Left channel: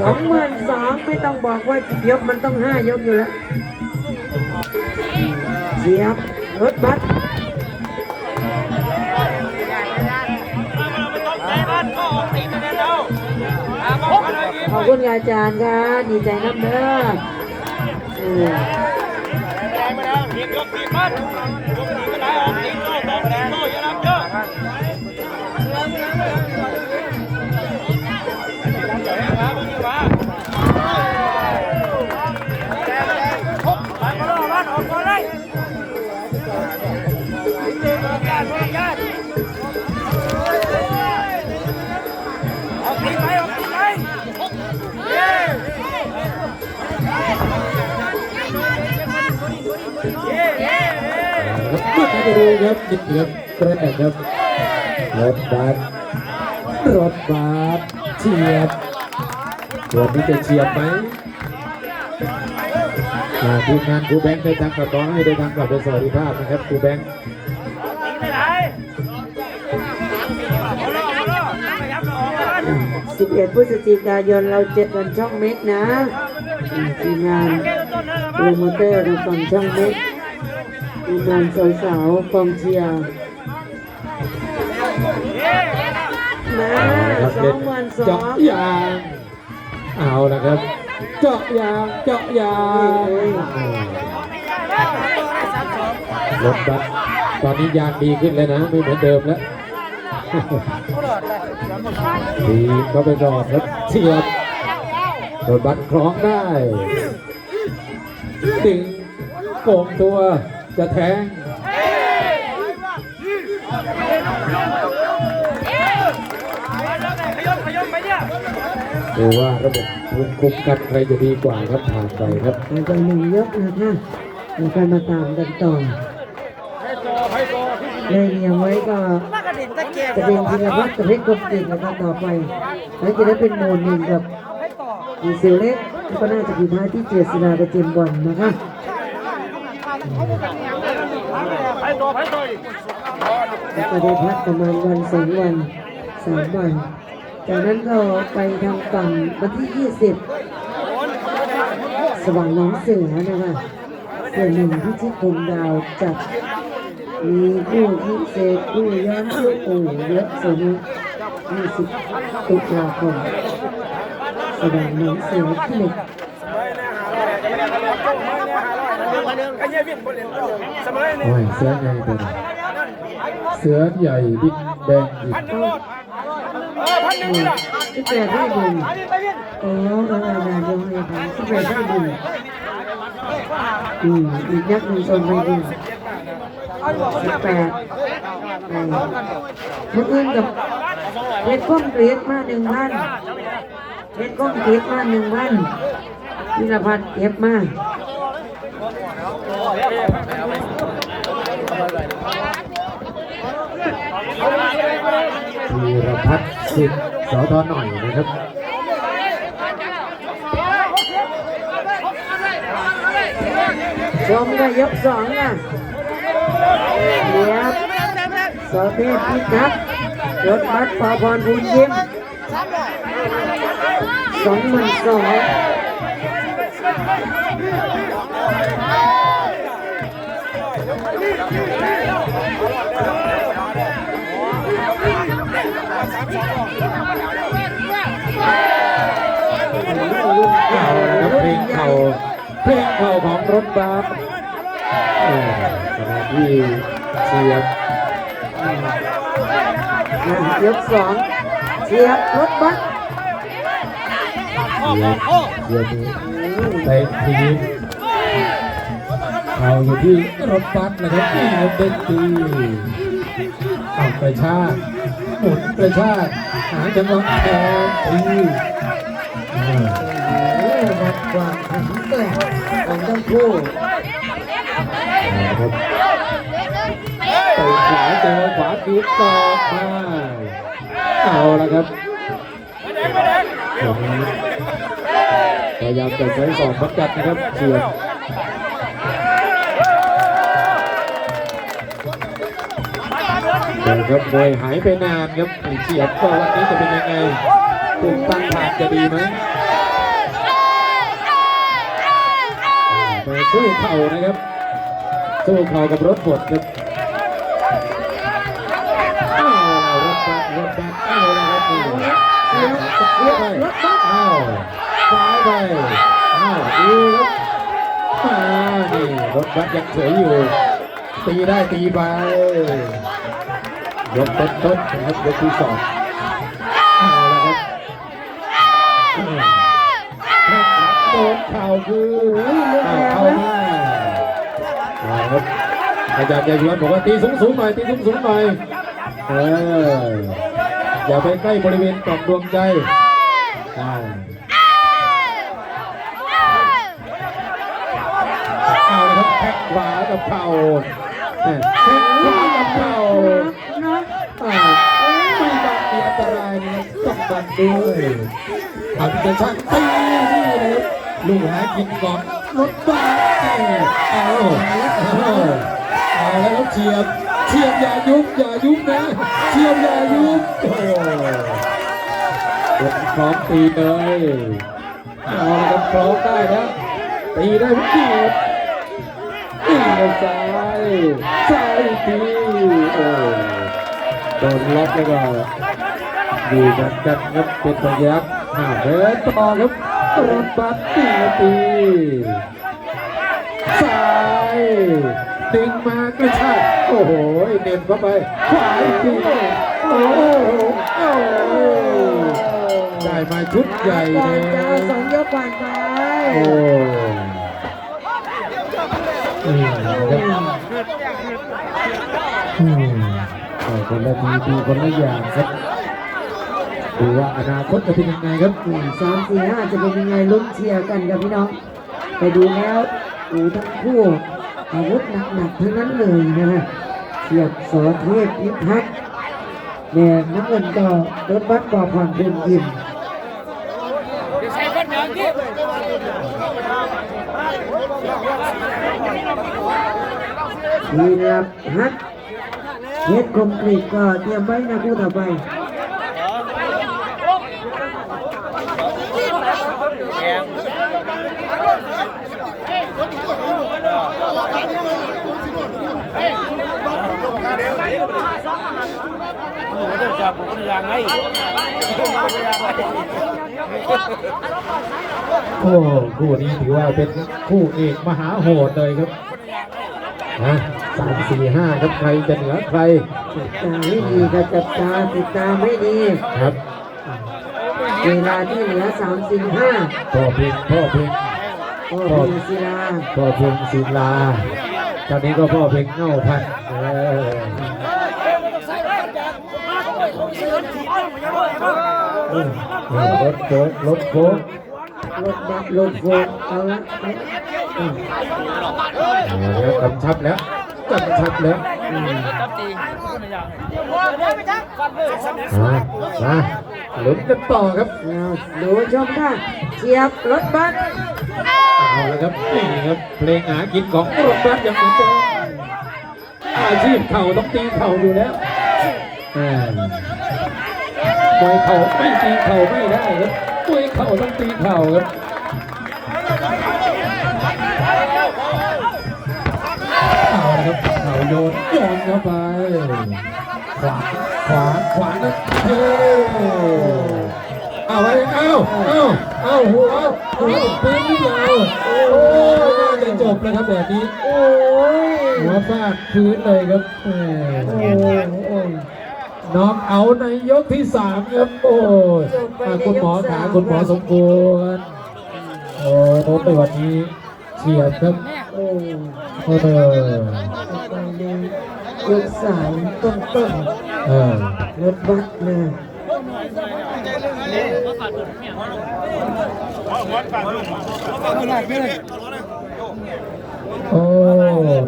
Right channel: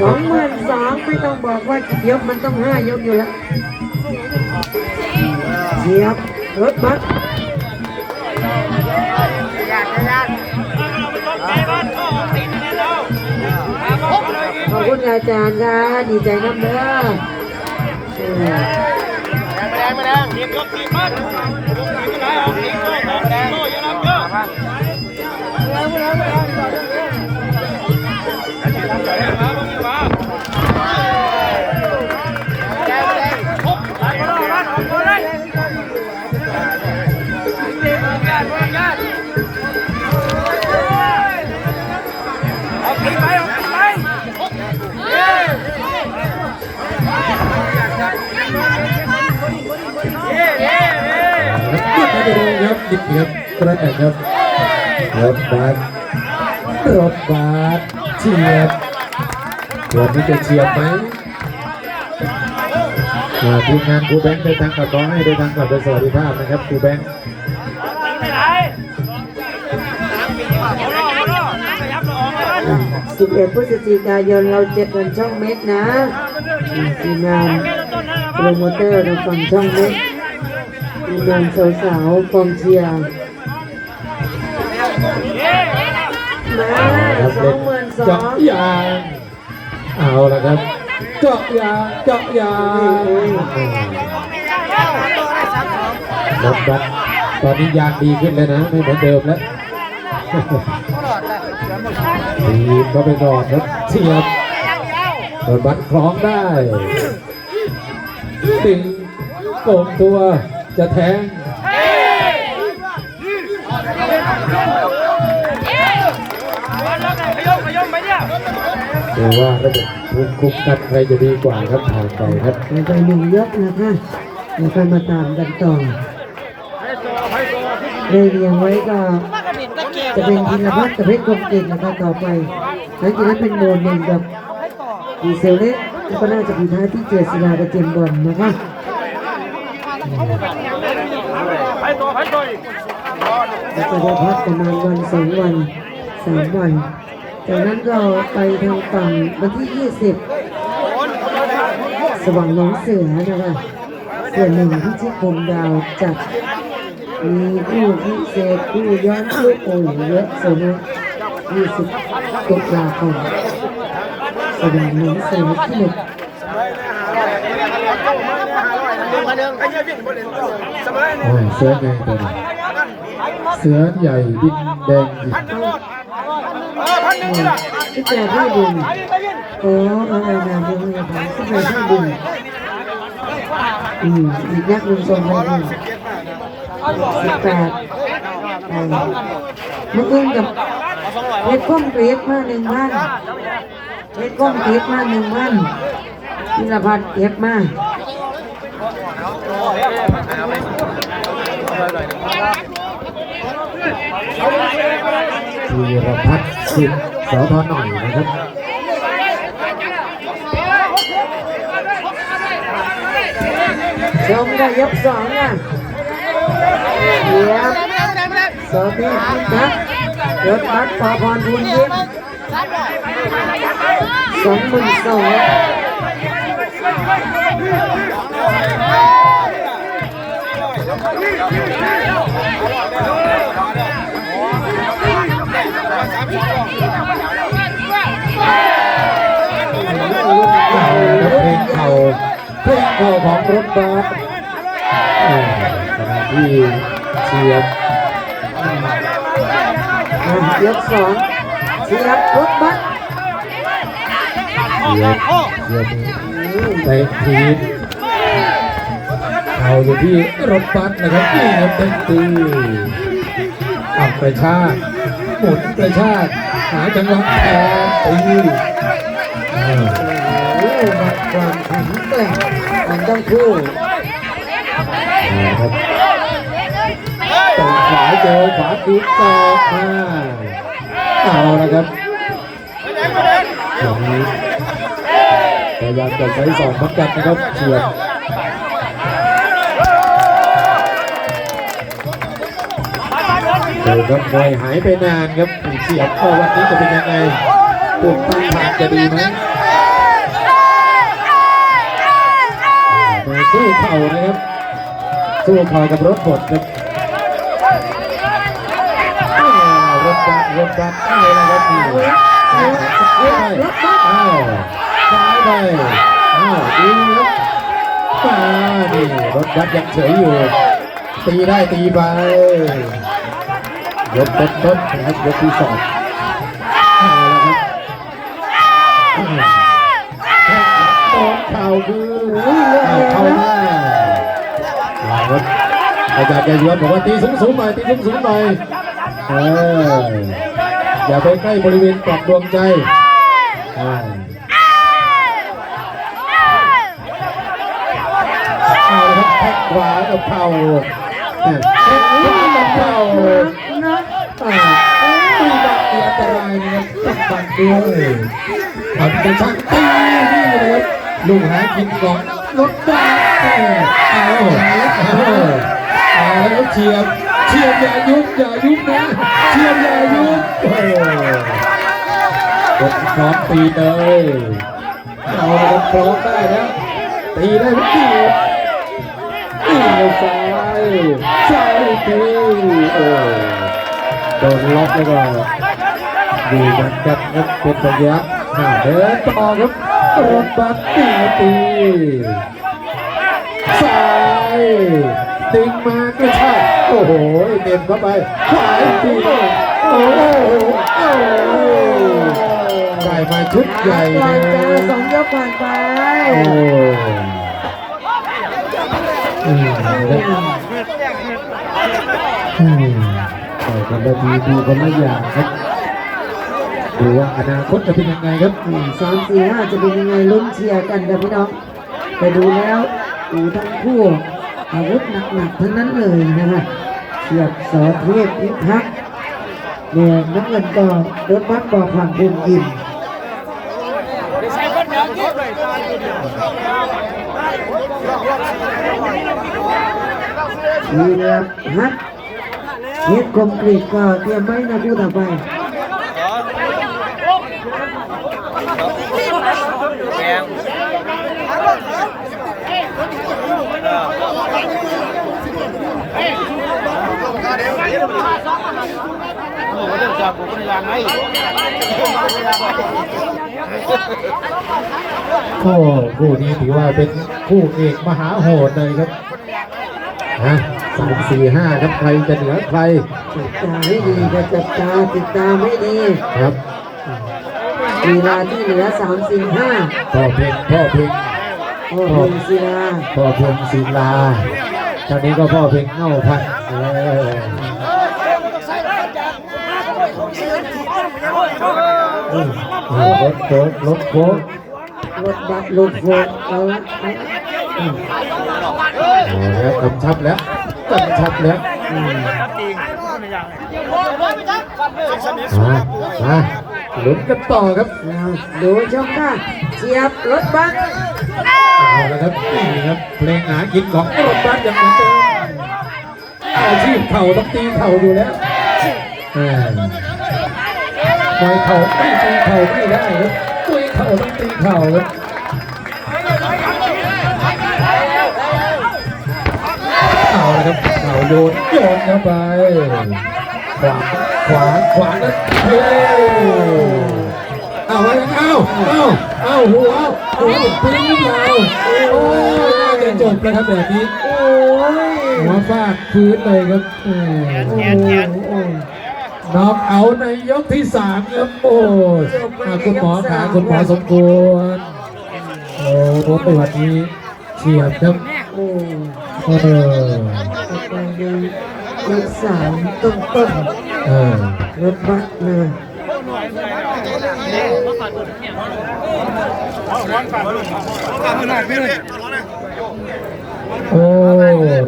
สองหมื่นสองไม่ต้องบอกว่ากี่ยกมันต้องห้ายกอยู่แล้วเสียบรถบัสขอบคุณอาจารย์ค่ะดีใจน้ำเด้อเออครับมาดูครับนิดเดียวกระแตกครับรถบัสรถบัสเฉียบวันนี้จะเฉียบไหมอ่าทีมงานครูแบงค์ได้ทางกับขอให้ได้ทางกับสวัสดิภาพนะครับครูแบงค์สิบเอ็ดพฤศจิกายนเราเจ็ดวันช่องเม็กนะทีมงานโปรโมเตอร์ดูฝั่งช่องเม็กที มงานสาวๆกองเชียร์มาครับสองหมื่นสอเจาะงยางเอาละครับเจาะยางเจาะยางรถบัสตอนนี้ยางดีขึ้นแล้วนะไม่เหมือนเดิมแล้วดีก็ไปก่อนครับเฉียบรถบัสคล้องได้ดึงโก่งตัว จะแทงดูว่าระบบภูมิคุ้มกันใครจะดีกว่าครับผ่านไปครับไปไปหนึ่งยกนะคะเดี๋ยวค่อยมาตามกันต่อได้เรียงไว้ก็จะเป็นพิรพัฒน์กับเพชรกบเก่งนะคะต่อไป แล้วจะได้เป็นโมหนึ่งกับดีเซลเล็กแล้วก็น่าจะมีท้ายที่เจษฎากับเจมส์บอลนะคะ แล้วก็ได้พักประมาณวันสองวันสามวันจากนั้นก็ไปทางฝั่งวันที่ 20 สว่างน้องเสือนะคะส่วนหนึ่งที่ชิคมดาวจัดมีผู้พิเศษผู้ย้อนผู้โอ่งเยอะสนุก20ตุลาคมสว่างหน้องเสือที่หนึ่ง อ่าเสือใหญ่ตัวนี้เสือใหญ่ดินแดงอีกที่แปดที่บุญโอ้เออเออนานยังไงผมที่แปดที่บุญอืมอีกนักหนึ่งส่งไปบุญสิบแปดเออเมื่อคืนกับเพชรกุ้งเกลียดมาหนึ่งพันเพชรกุ้งเกลียดมาหนึ่งพันพิรพัฒน์เก็บมา มีรพัฒน์สิทธิ์สอทอหน่อยนะครับชมได้ยกสองอะเยียบสอเทพพิทักษ์รถบัสปอพรบุญยิ้มสองหมื่นสอง เข่านะครับเพลงเข่าเพลงเข่าของรถบัสอ่าขณะที่เสียบยกสองเสียบรถบัสเสียบเสียบในทีม เข่าอยู่ที่รถบัสนะครับที่รถเต็มตีอับกระชากหมุนกระชากหาจังหวะแทงตีอ่าโอ้โหความแข็งแกร่งของทั้งคู่นะครับเตะขวาเจอขวาคืบตอกมาเอาละครับตรงนี้พยายามจะใช้สองพักจัดนะครับเฉียด เดี๋ยวครับมวยหายไปนานครับเฉียบก็วันนี้จะเป็นยังไงปุ่มตั้งทางจะดีไหมมาสู้เข่านะครับสู้เข่ากับรถบดครับรถบัสรถบัสเอาละครับนี่เอาละเอาละรถบัสอ้าวซ้ายไปอ้าวดูครับมานี่รถบัสยังเฉยอยู่ตีได้ตีไป ยกต้นต้นนะครับยกที่สองเอาละครับอ้าวแข้งขวาโดนเข่าคือเลือดแดงเข้านะมาเอาครับอาจารย์แกยวนบอกว่าตีสูงสูงๆหน่อยตีสูงสูงๆหน่อยเอออย่าไปใกล้บริเวณกล่องดวงใจอ่าเอาละครับแข้งขวากับเข่าแข้งขวากับเข่า นะอ่าตีบัตรมีอันตรายนะครับต้องบัด้วยเอาที่เป็นช่างตีนี่นะครับลูกหากินก่อนรถบัสเอาเอาเอาแล้วเฉียบเฉียบอย่ายุบอย่ายุบนะเฉียบอย่ายุบโอ้กดพร้อมตีเลยเอาละครับพร้อมได้แล้วตีได้ทุกทีครับตีแล้วซ้ายซ้ายตีโอ้ โดนล็อกแล้วก็ดูเหมือนกันครับเป็นระยะห่าเดินต่อครับโดนบัตตีตีซ้ายติงมาก็ใช่โอ้โหเด่นเข้าไปขวาอีโอ้โหได้มาชุดใหญ่เลจ้ายสองยกก่อนไปโอ้อืม นะครับอืมเอาคนละทีดูคนละอย่างครับดูว่าอนาคตจะเป็นยังไงครับหนึ่งสองสี่ห้าจะเป็นยังไงลุ้นเชียร์กันครับพี่น้องไปดูแล้วอูทั้งคู่อาวุธหนักๆทั้งนั้นเลยนะครับเทียบสอนเทพนิพัฒน์เนี่ยน้ำเงินก็รถบัสบอกผ่านภูมิยิมมีรับฮัท เฮ็ดคมกรีดก็เตรียมไว้นะคู่ต่อไปแกงโอ้โหเดี๋ยวจับผมเป็นยางไงโอ้คู่นี้ถือว่าเป็นคู่เอกมหาโหดเลยครับ ฮะสามสี่ห้าครับใครจะเหนือใครจับตาให้ดีครับจับตาจับตาไม่ดีครับเวลาที่เหลือสามสี่ห้าพ่อเพ็งพ่อเพ็งโอ้โหศิลาพ่อเพ็งศิลาตอนนี้ก็พ่อเพ็งเง่าพันออเออรถโค้งรถโค้งรถบัสรถโฟกเอาละ แล้วกำชับแล้วกำชับแล้วอืมมามาลุ้นกันต่อครับแล้วดูชมค่ะเชียบรถบัสเอาละครับนี่ครับเพลงหากินของรถบัสอย่างเหมือนเดิมอาชีพเข่าต้องตีเข่าอยู่แล้วเออยเข่าไม่ตีเข่าไม่ได้ครับมวยเข่าต้องตีเข่าครับ โยนโยนเข้าไป ขวาขวาขวาแล้วเฮ้เอาไว้เอาเอาเอาหัวหัวปืนยาวโอ้ยน่าจะจบแล้วครับแบบนี้ โอ้ยหัวฟาดพื้นเลยครับแหมโอ้ยน็อกเอาในยกที่สามครับโอ้ยคุณหมอขาคุณหมอสมควรโอ้โหตัวนี้เฉียบครับโอ้ยเออไปดู รถสามต้นต้นเออรถบัสเลยโอ้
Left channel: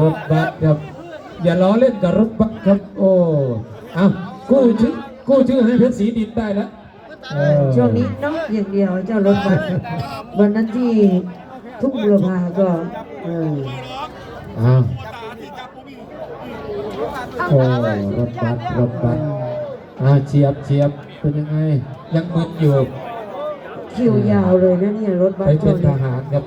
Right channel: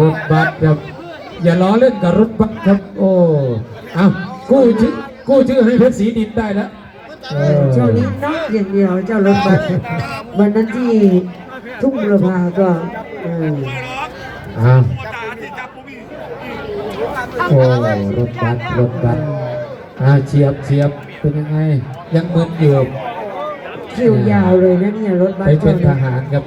รถบัสครับ อย่าล้อเล่นกับรถบัสครับ โอ้เอากู้ชื่อกู้ชื่อให้เพชรศรีดินได้แล้วเออช่วงนี้น็อกอย่างเดียวเจ้ารถบัสวันนั้นที่ทุ่งบุรพาก็เอออ้าว โอ้รถบัสรถบัสอ่าเฉียบเฉียบเป็นยังไง ยังมึนอยู่คิวยาวเลยนะเนี่ยรถบัไปสเป็นทเนี่ยหารกับ